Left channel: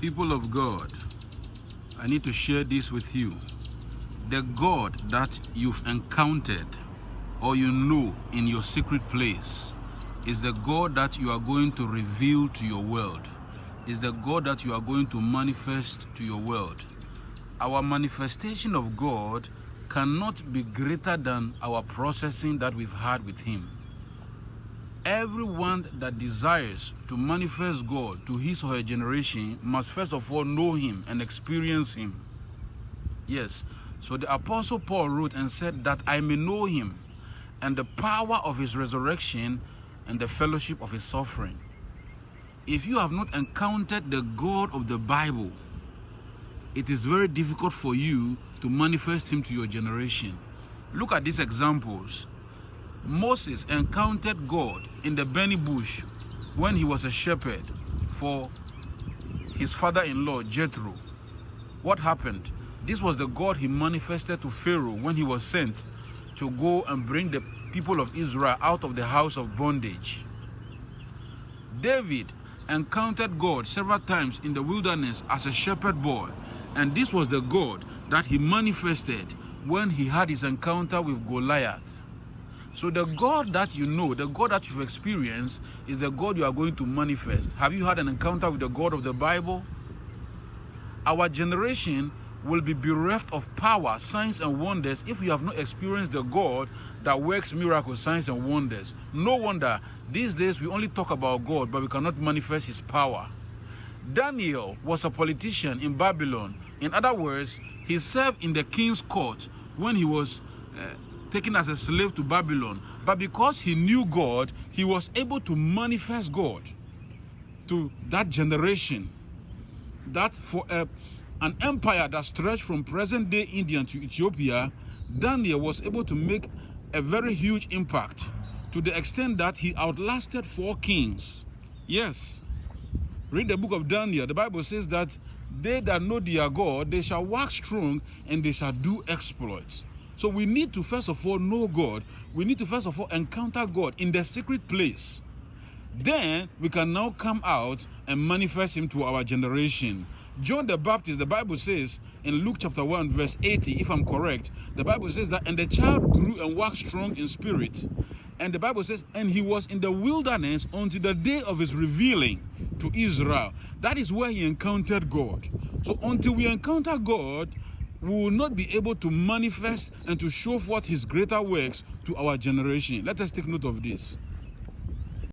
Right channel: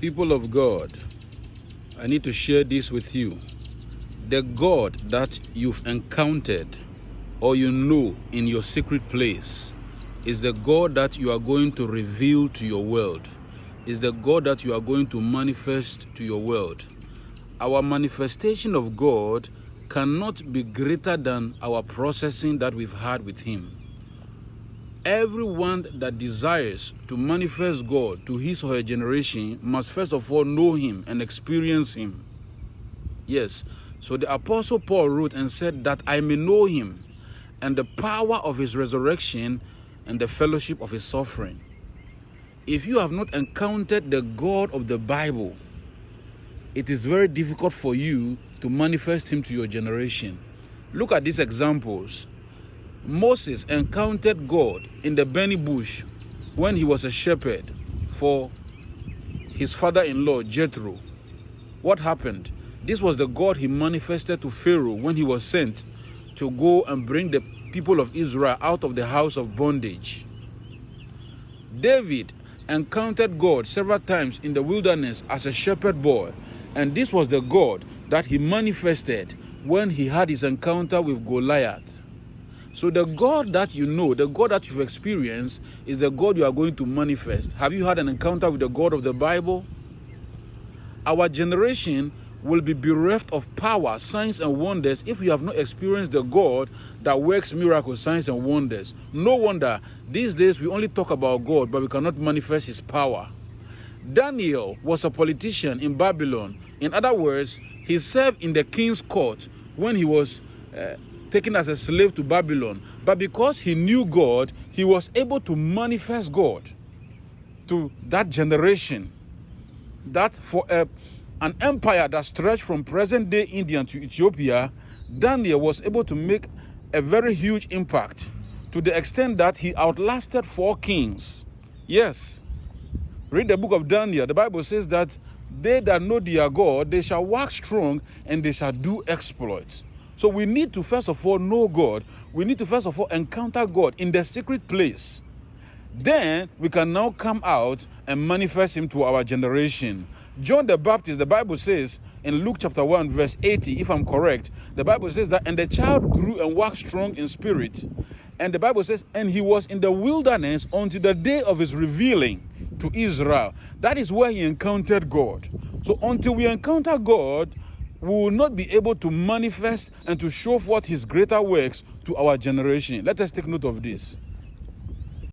People of God, I need to share this with you. The God that you've encountered or you know in your secret place is the God that you are going to reveal to your world. Is the God that you are going to manifest to your world. Our manifestation of God cannot be greater than our processing that we've had with Him. Everyone that desires to manifest God to his or her generation must first of all know Him and experience Him. Yes, so the Apostle Paul wrote and said that I may know Him and the power of His resurrection and the fellowship of His suffering. If you have not encountered the God of the Bible, it is very difficult for you to manifest Him to your generation. Look at these examples. Moses encountered God in the burning bush when he was a shepherd for his father-in-law Jethro. What happened? This was the God he manifested to Pharaoh when he was sent to go and bring the people of Israel out of the house of bondage. David encountered God several times in the wilderness as a shepherd boy, and this was the God that he manifested when he had his encounter with Goliath. So the God that you know, the God that you've experienced, is the God you are going to manifest. Have you had an encounter with the God of the Bible? Our generation will be bereft of power, signs and wonders if we have not experienced the God that works miracles, signs and wonders. No wonder these days we only talk about God, but we cannot manifest His power. Daniel was a politician in Babylon. In other words, he served in the king's court when he was taken as a slave to Babylon. But because he knew God, he was able to manifest God to that generation. That for an empire that stretched from present-day India to Ethiopia, Daniel was able to make a very huge impact to the extent that he outlasted 4 kings. Yes. Read the book of Daniel. The Bible says that they that know their God, they shall wax strong and they shall do exploits. So we need to first of all know God. We need to first of all encounter God in the secret place. Then we can now come out and manifest Him to our generation. John the Baptist, the Bible says in Luke chapter 1 verse 80, if I'm correct, the Bible says that, and the child grew and waxed strong in spirit. And the Bible says, and he was in the wilderness until the day of his revealing to Israel. That is where he encountered God. So until we encounter God, we will not be able to manifest and to show forth His greater works to our generation. Let us take note of this.